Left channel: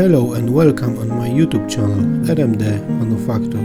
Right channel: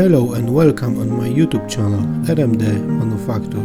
Hello and welcome on my YouTube channel RMD Manufacture.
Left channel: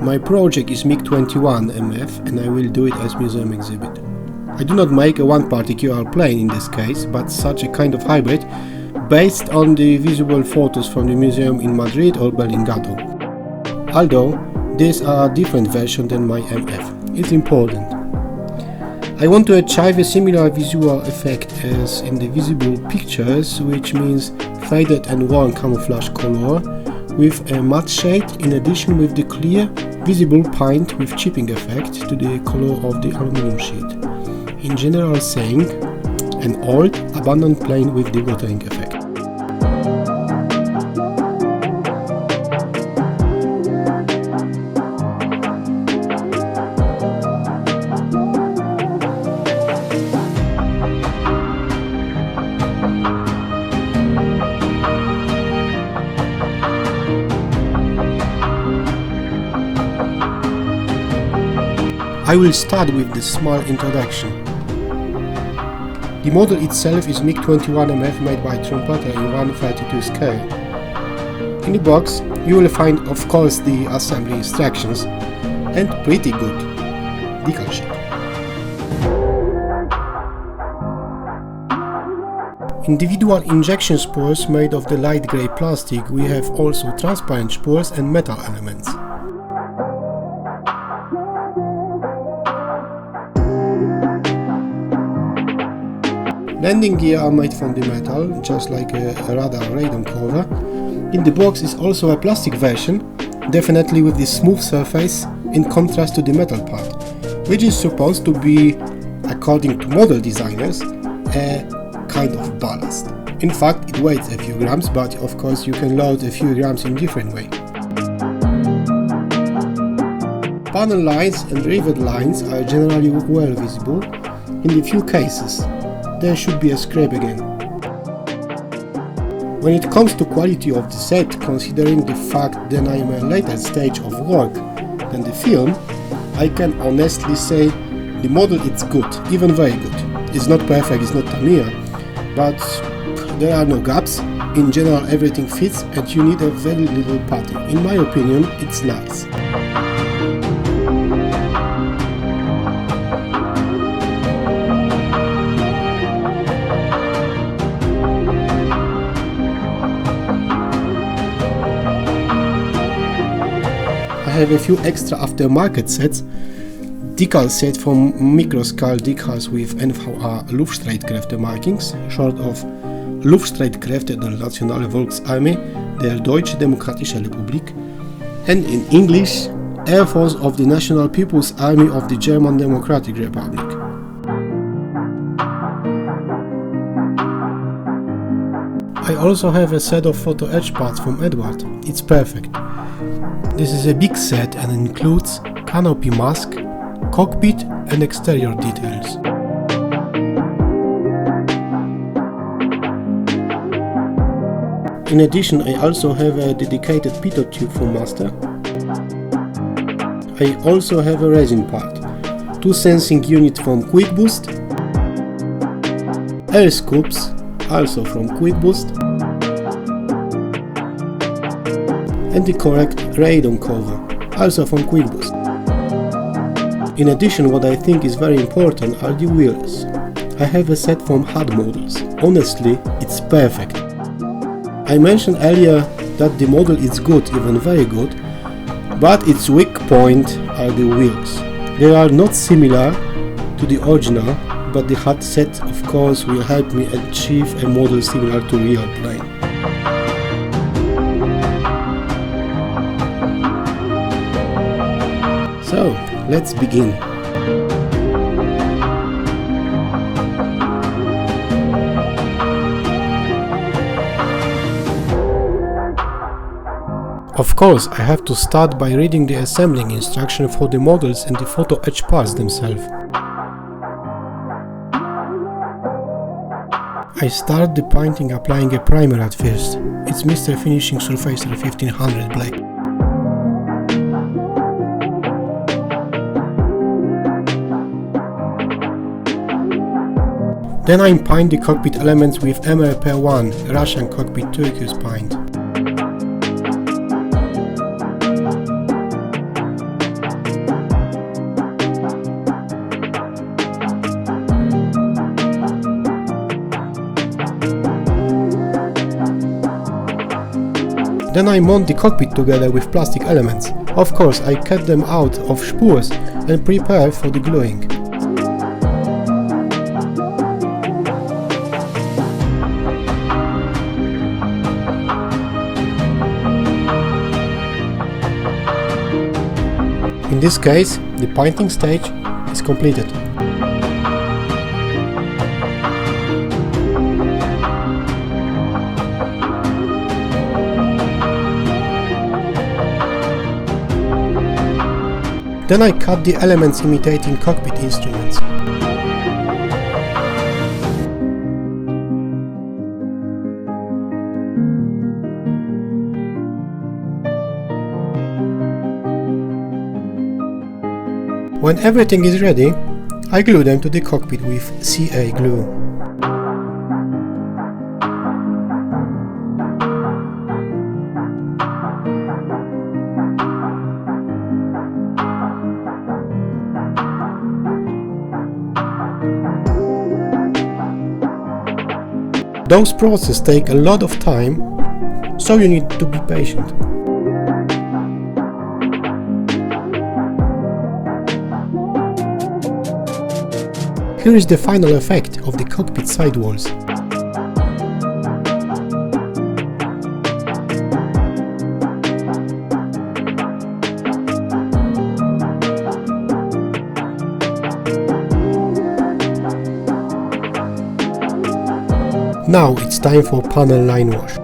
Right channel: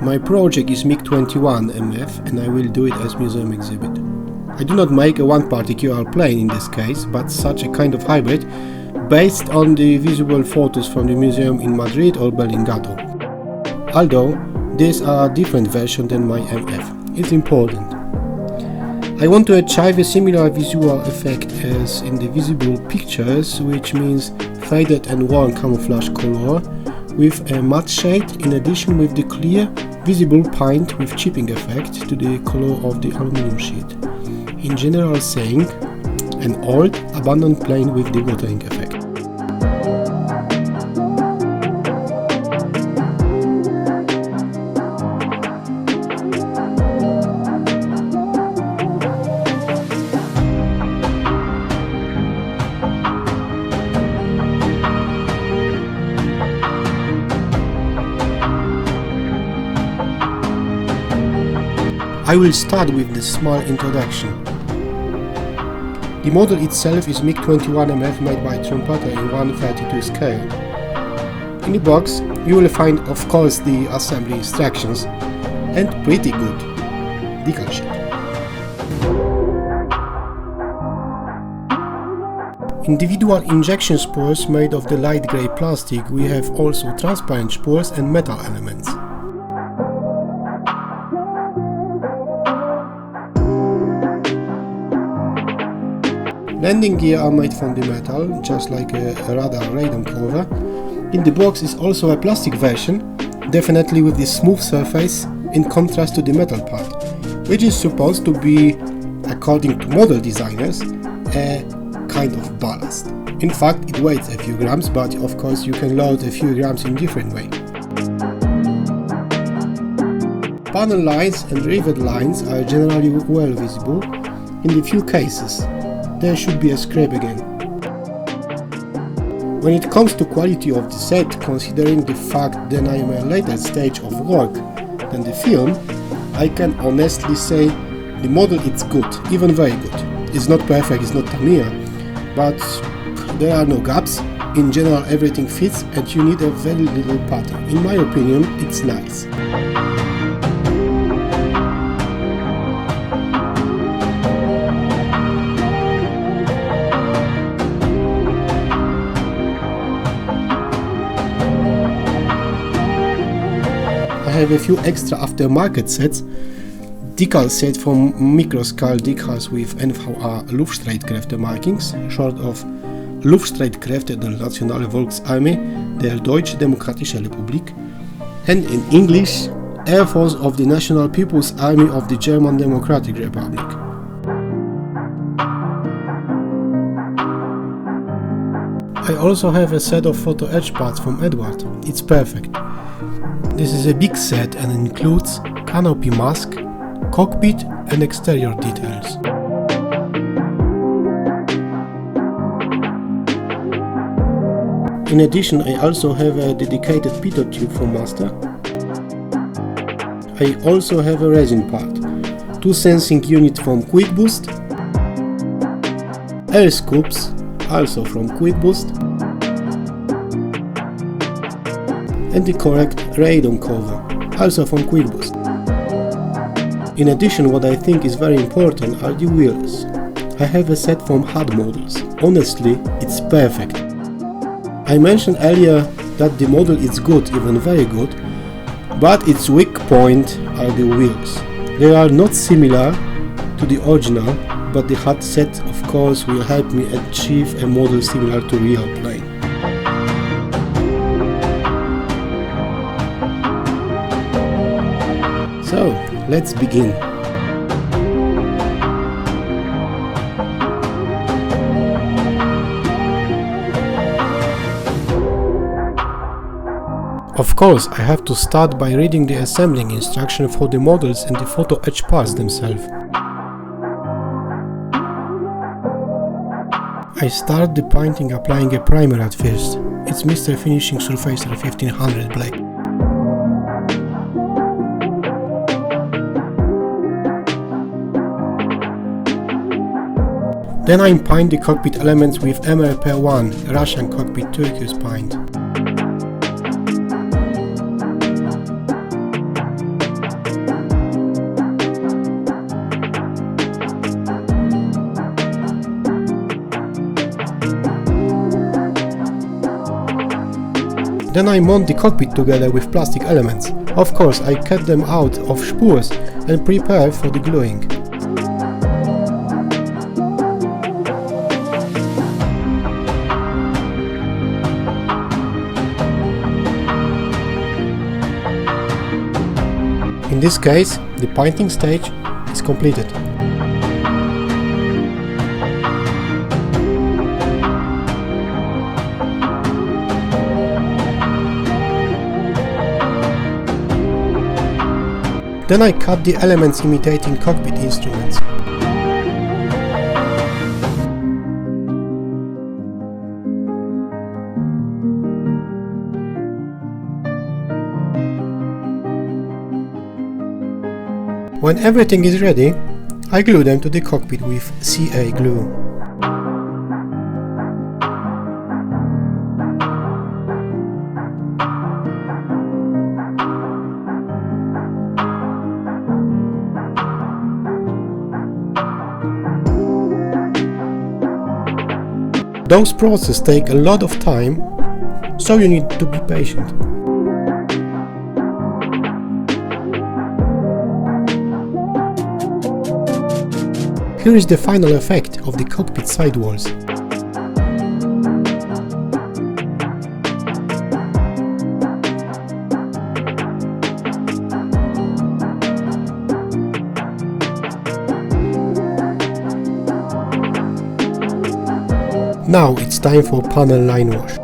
My project is MiG-21MF and I will do it as museum exhibit. I do not make a one particular plane in this case, but such a kind of hybrid based on the visible photos from the museum in Madrid or Bellinghausen. Although these are a different version than my MF, it's important. I want to achieve a similar visual effect as in the visible pictures, which means faded and worn camouflage color with a matte shade in addition with the clear visible paint with chipping effect to the color of the aluminum sheet. In general saying, an old abandoned plane with the watering effect. I will start with the small introduction. The model itself is MiG-21MF made by Trumpeter in 1/32 scale. In the box you will find of course the assembly instructions and pretty good decal sheet. Individual injection spores made of the light grey plastic. We have also transparent spores and metal elements. Landing gear are made from the metal, just like a radar cover. In the box is also a plastic version, definitely with this smooth surface in contrast to the metal part, which is supposed to be, according to model designers, a kind of ballast. In fact, it weighs a few grams, but of course you can load a few grams in different way. Panel lines and rivet lines are generally well visible. In the few cases, there should be a scrape again. When it comes to quality of the set, considering the fact that I am a later stage of work than the film, I can honestly say the model is good, even very good. It's not perfect, it's not Tamiya, but there are no gaps. In general everything fits and you need a very little pattern. In my opinion, it's nice. I have a few extra aftermarket sets, decal set from microscale decals with NVA Luftstreitkräfte markings, short of Luftstreitkräfte der Nationale Volksarmee der Deutsche Demokratische Republik, and in English, Air Force of the National People's Army of the German Democratic Republic. I also have a set of photo etch parts from Edward. It's perfect. This is a big set and includes canopy mask, cockpit and exterior details. In addition, I also have a dedicated pitot tube for master. I also have a resin part, two sensing units from Quick Boost, air scoops, also from Quick Boost, and the correct radon cover, also from Quick Boost. In addition, what I think is very important are the wheels. I have a set from HUD models. Honestly, it's perfect. I mentioned earlier that the model is good, even very good, but its weak point are the wheels. They are not similar to the original, but the HUD set of course will help me achieve a model similar to real plane. So, let's begin. Of course, I have to start by reading the assembling instruction for the models and the photo etch parts themselves. I start the painting applying a primer at first. It's Mr. Finishing Surfacer 1500 black. Then I paint the cockpit elements with MRP1 Russian cockpit turquoise paint. Then I mount the cockpit together with plastic elements. Of course, I cut them out of spools and prepare for the gluing. In this case, the painting stage is completed. Then I cut the elements imitating cockpit instruments. When everything is ready, I glue them to the cockpit with CA glue. Those processes take a lot of time, so you need to be patient. Here is the final effect of the cockpit sidewalls. Now it's time for panel line wash.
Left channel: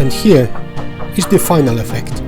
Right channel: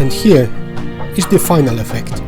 And here is the final effect.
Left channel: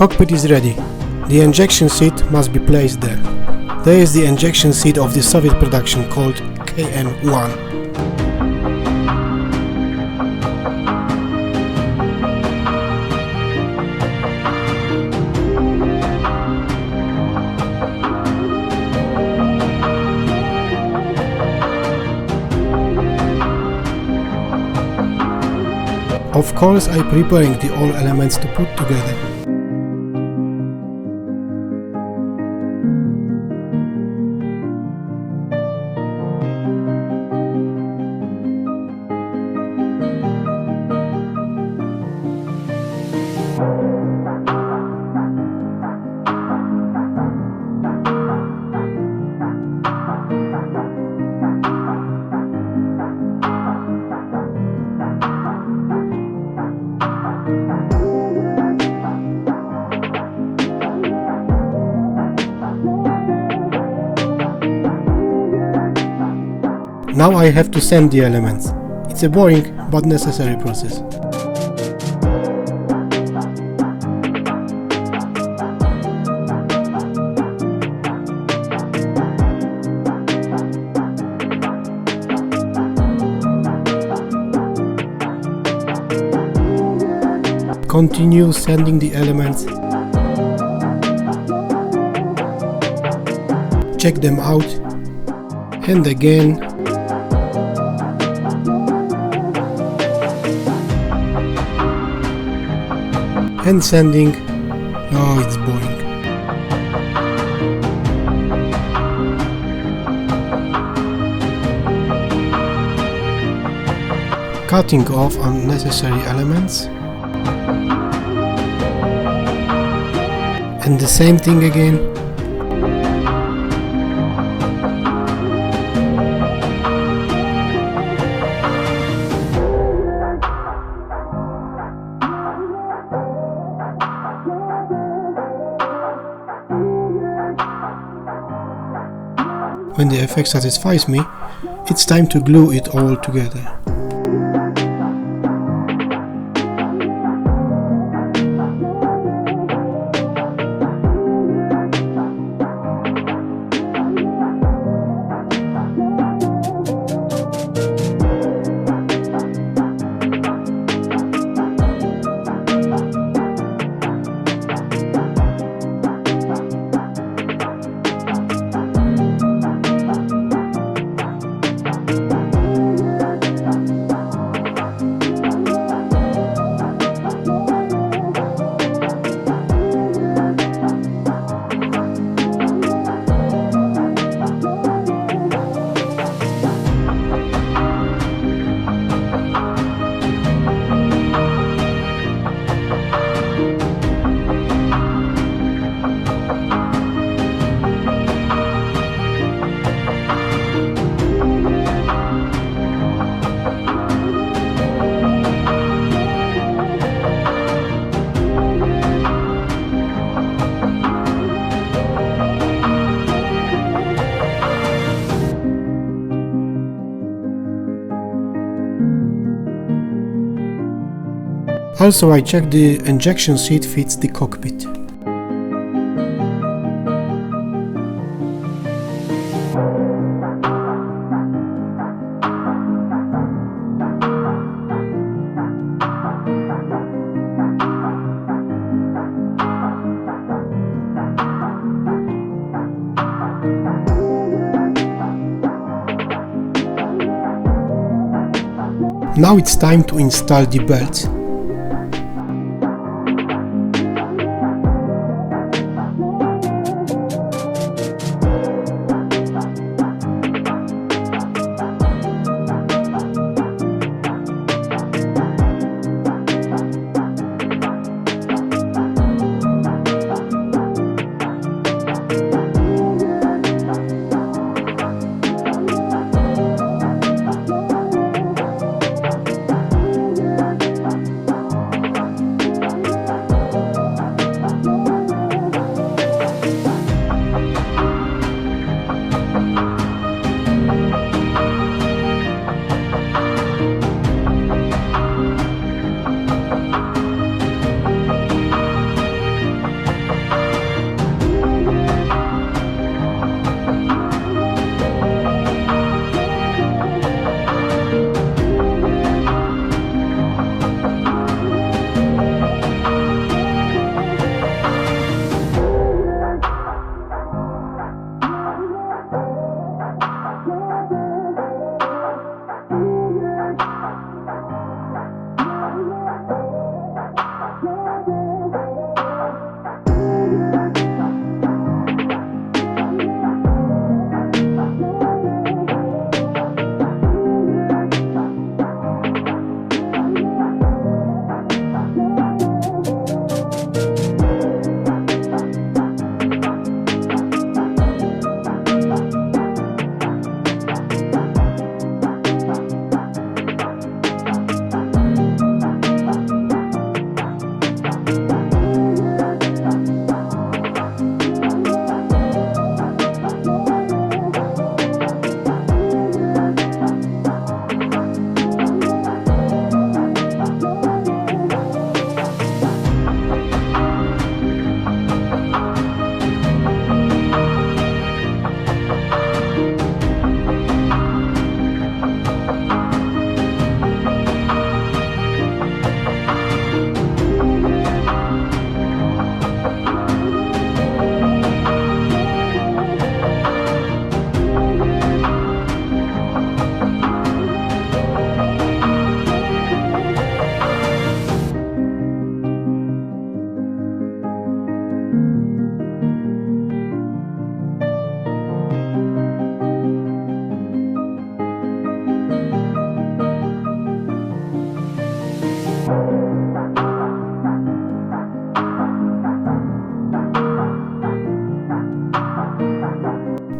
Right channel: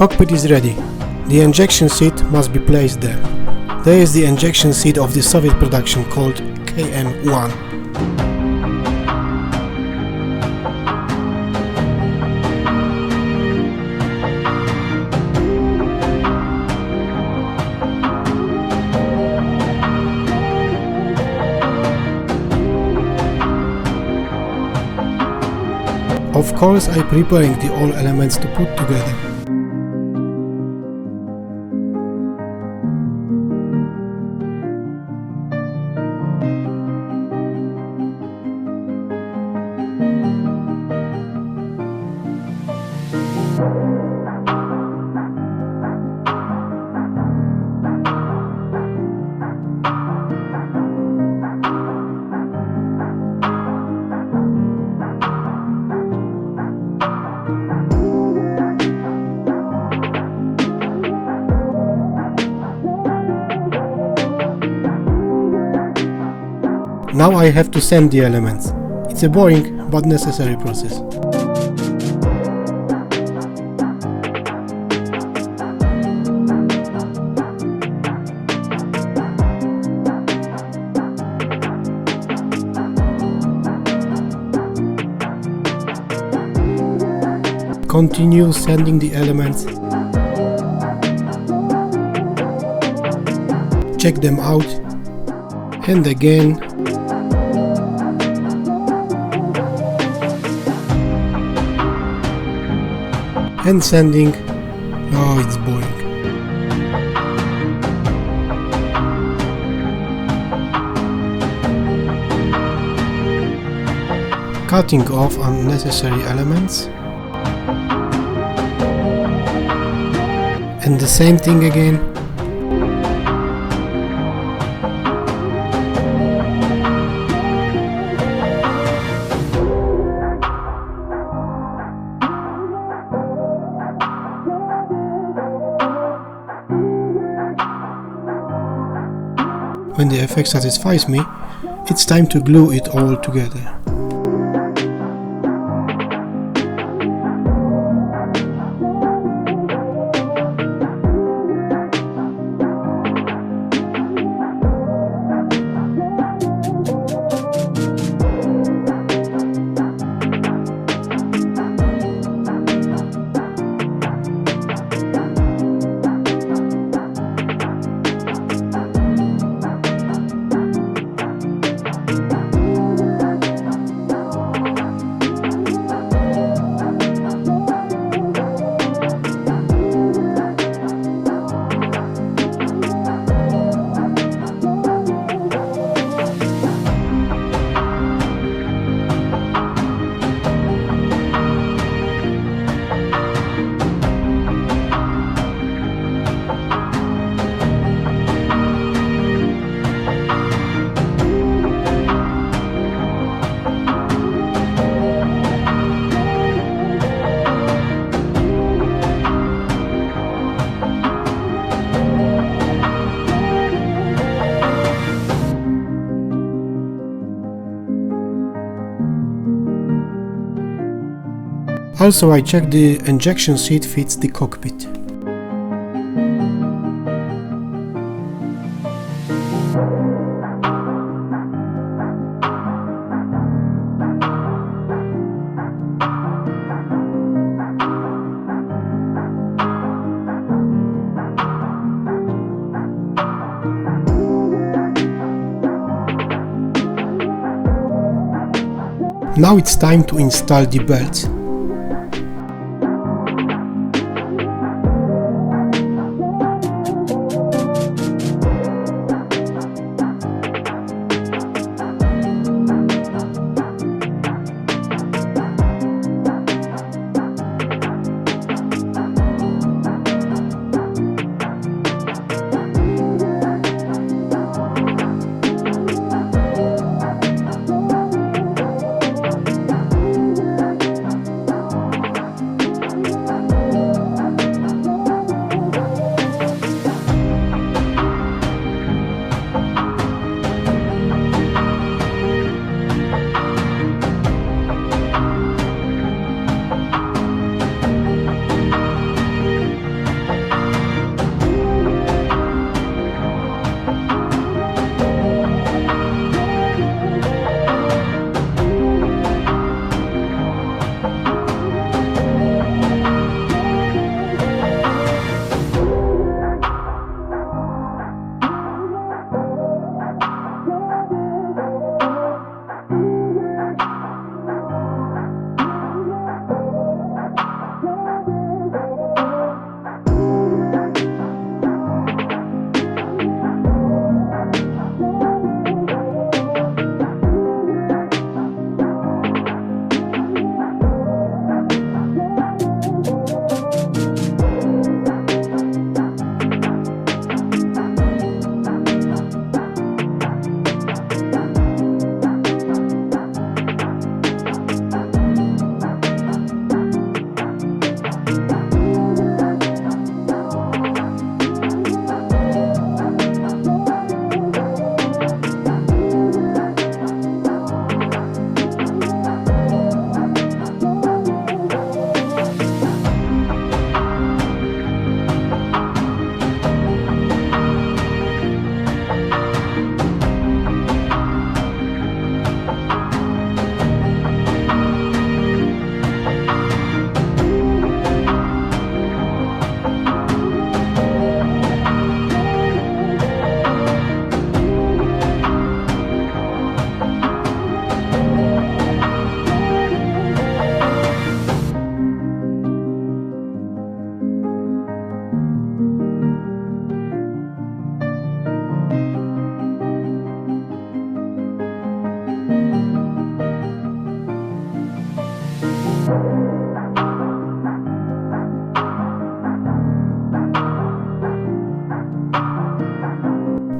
Cockpit is ready. The injection seat must be placed there. There is the injection seat of the Soviet production called KM-1. Of course, I'm preparing the all elements to put together. Now I have to sand the elements. It's a boring but necessary process. Continue sanding the elements. Check them out. And again. And sanding. Oh, it's boring. Cutting off unnecessary elements. And the same thing again. When the effect satisfies me, it's time to glue it all together. Also, I checked the injection seat fits the cockpit. Now it's time to install the belts.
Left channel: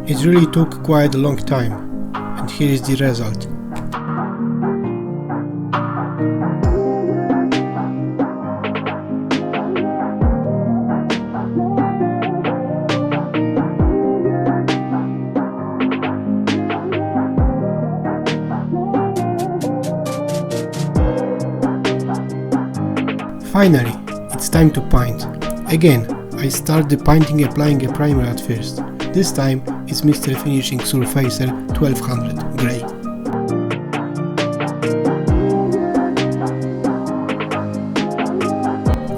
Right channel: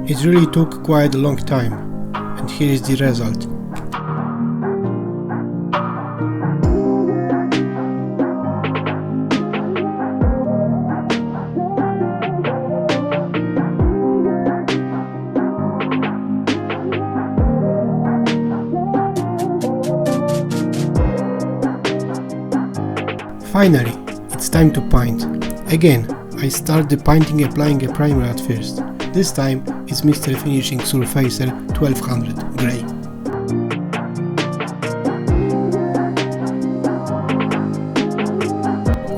It really took quite a long time, and here is the result. Finally, it's time to paint. Again, I start the painting applying a primer at first. This time it's Mr. Finishing Surfacer 1200 grey.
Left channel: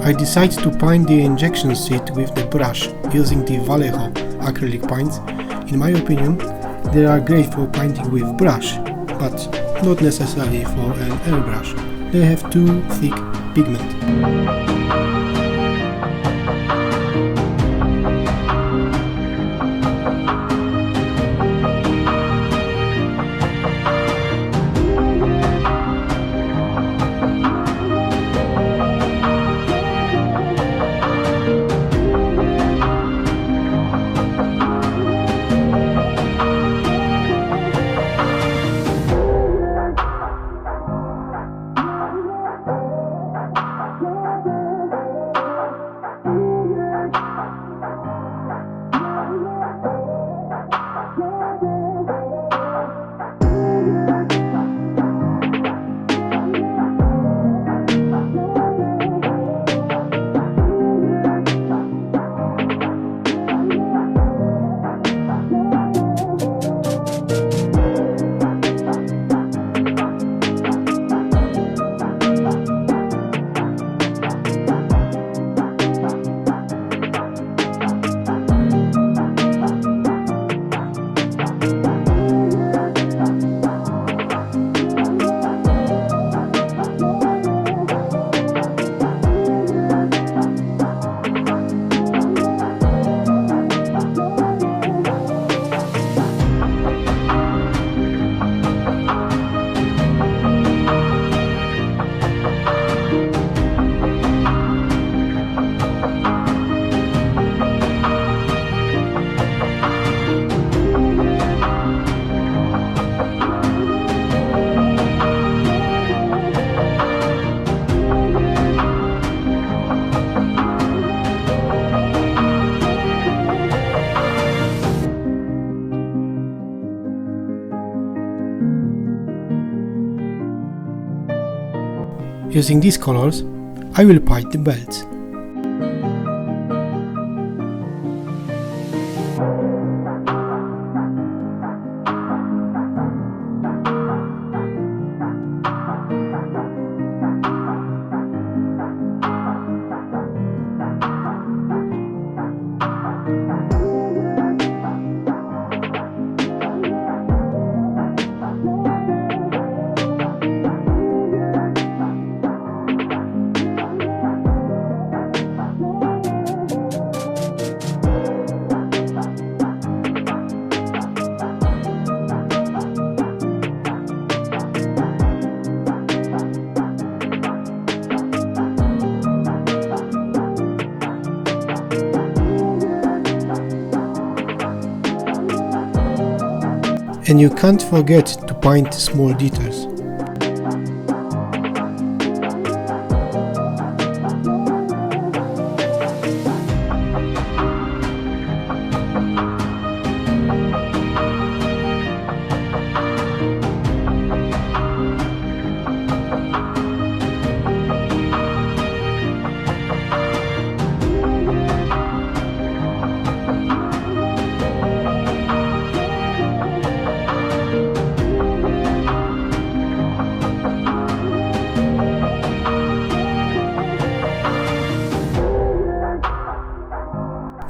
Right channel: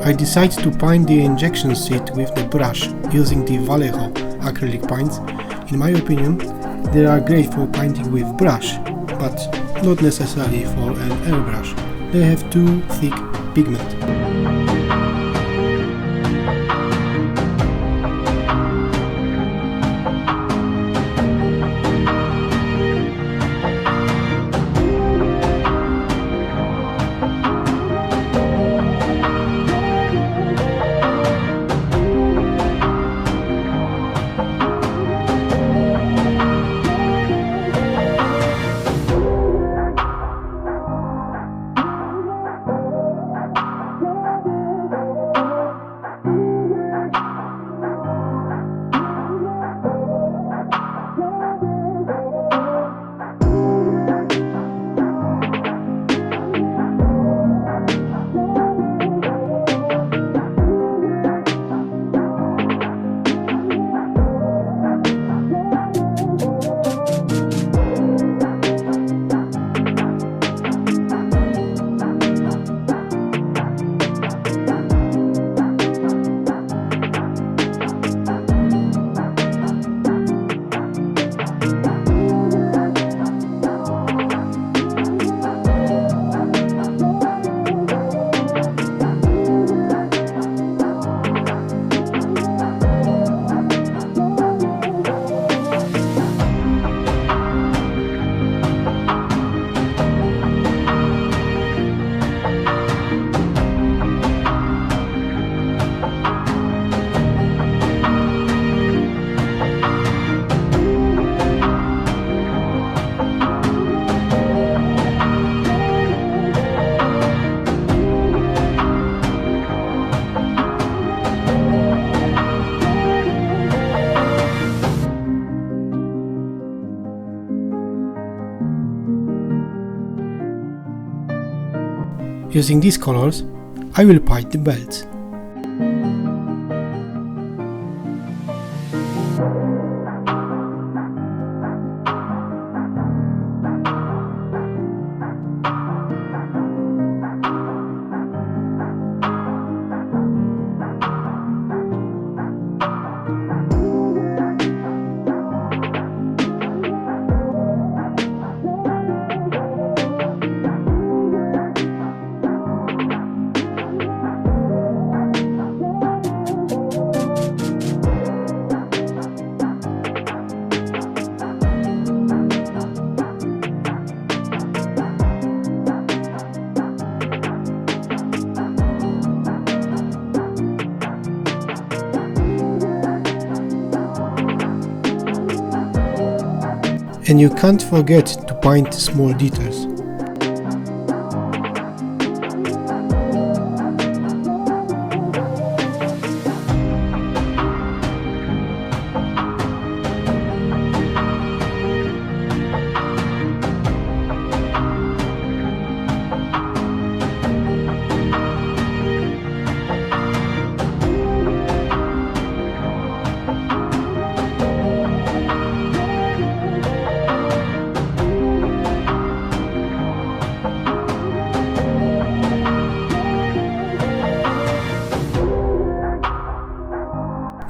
I decide to paint the injection seat with the brush using the Vallejo acrylic paints. In my opinion, they are great for painting with brush, but not necessarily for an airbrush. They have too thick pigment. Using these colors, I will paint the belts. And you can't forget to paint small details.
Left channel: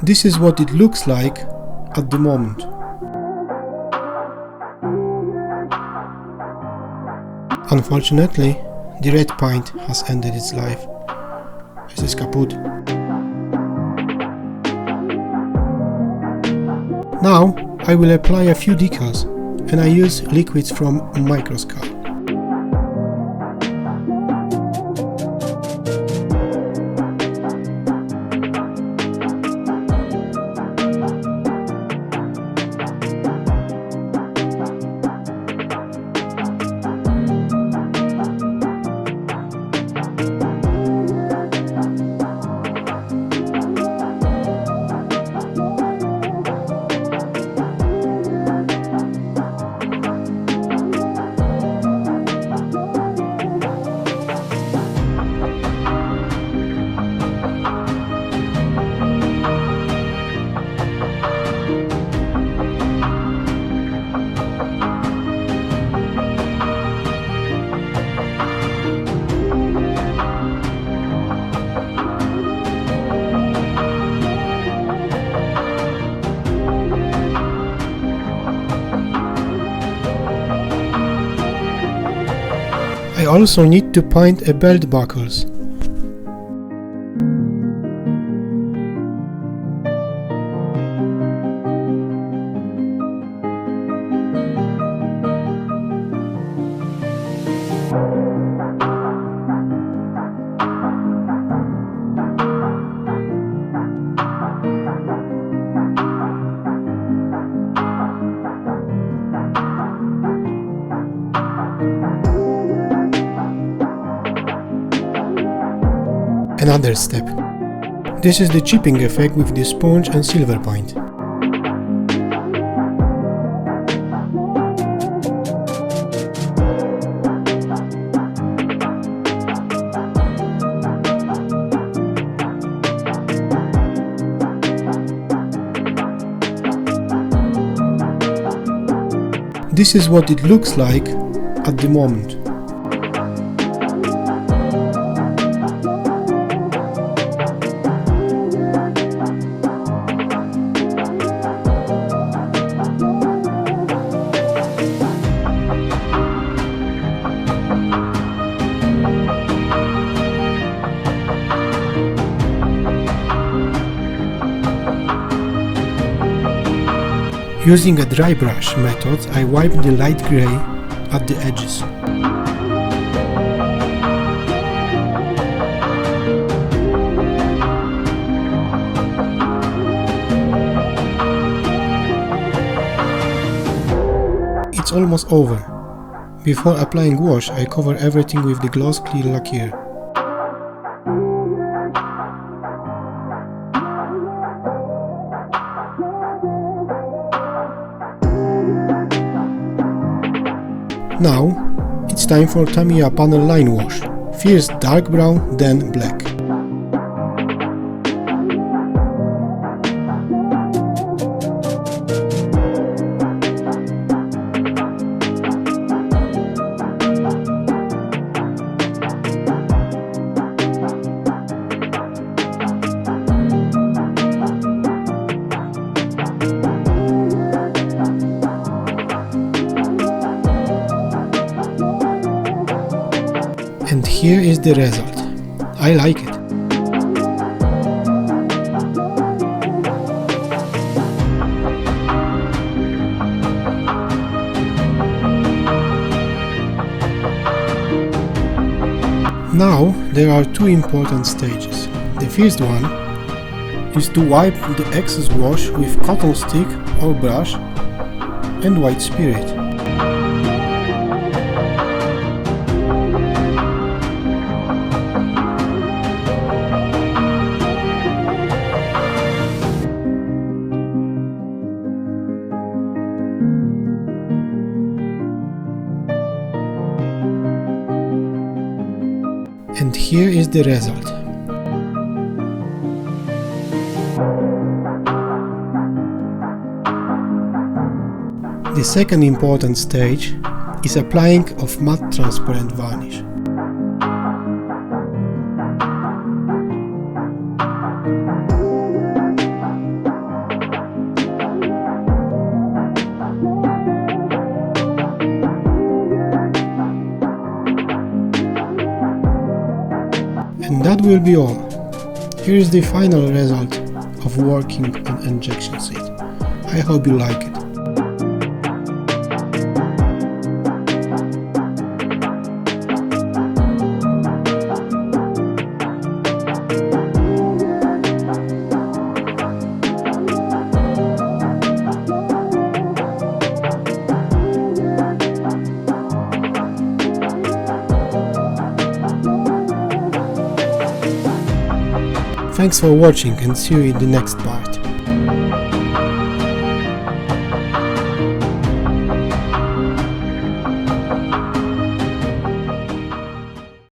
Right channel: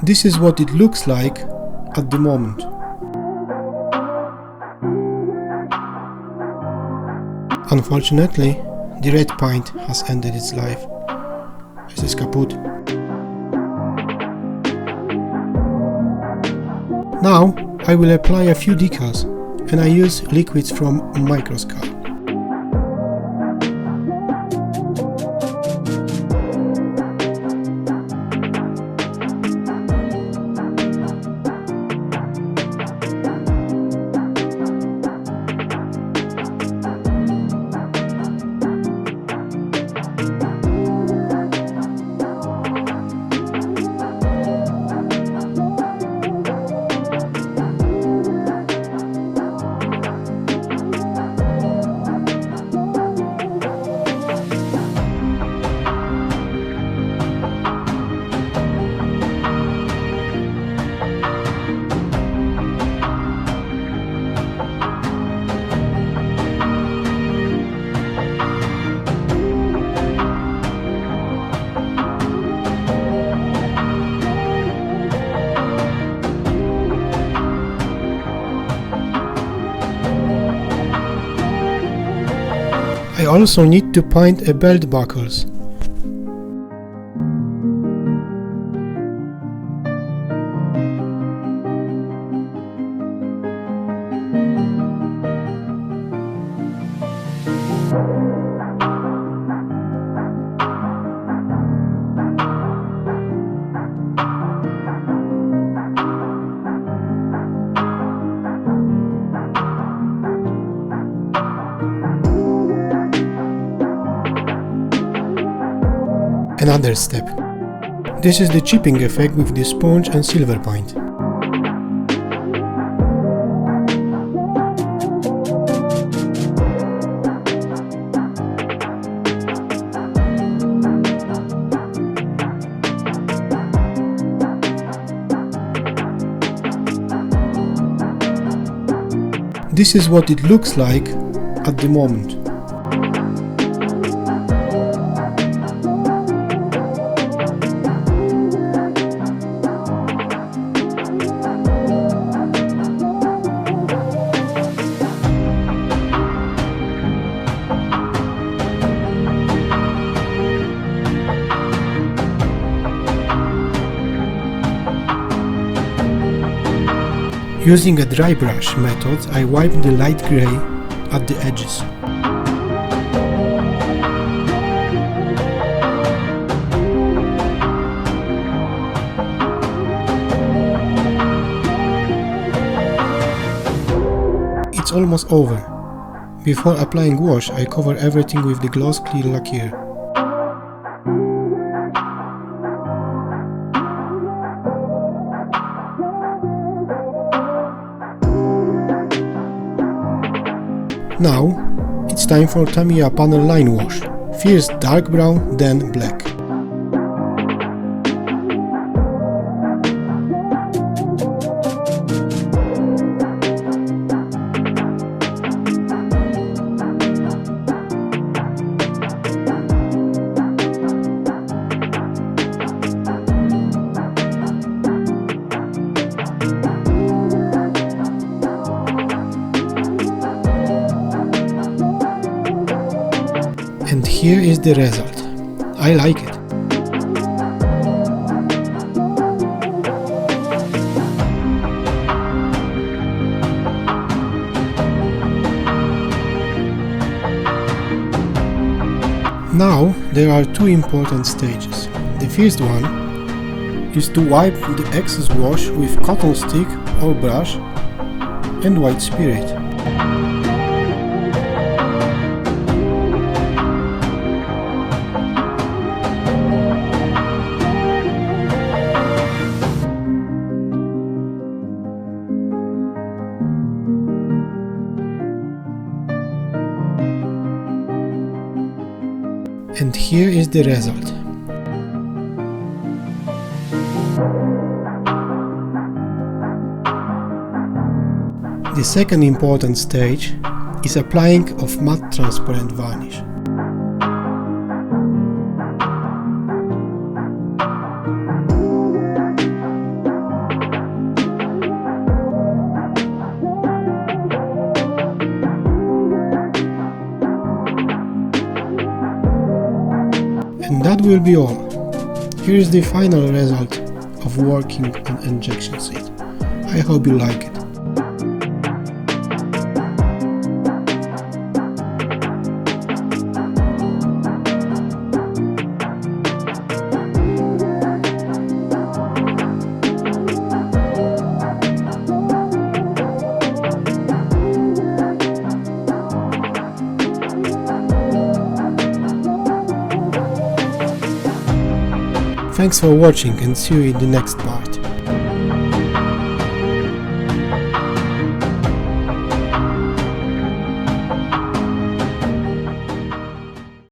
This is what it looks like at the moment. Unfortunately, the red paint has ended its life. Es ist kaputt. Now I will apply a few decals, and I use liquids from Microscope. I also need to paint a belt buckles. Another step. This is the chipping effect with the sponge and silver paint. This is what it looks like at the moment. Using a dry brush method, I wipe the light grey at the edges. It's almost over. Before applying wash, I cover everything with the gloss clear lacquer. Now, it's time for Tamiya panel line wash. First dark brown, then black. And here is the result. I like it. Now there are two important stages. The first one is to wipe the excess wash with cotton stick or brush and white spirit. And here is the result. The second important stage is applying of matte transparent varnish. And that will be all. Here is the final result of working on injection seat. I hope you like it. Thanks for watching and see you in the next part.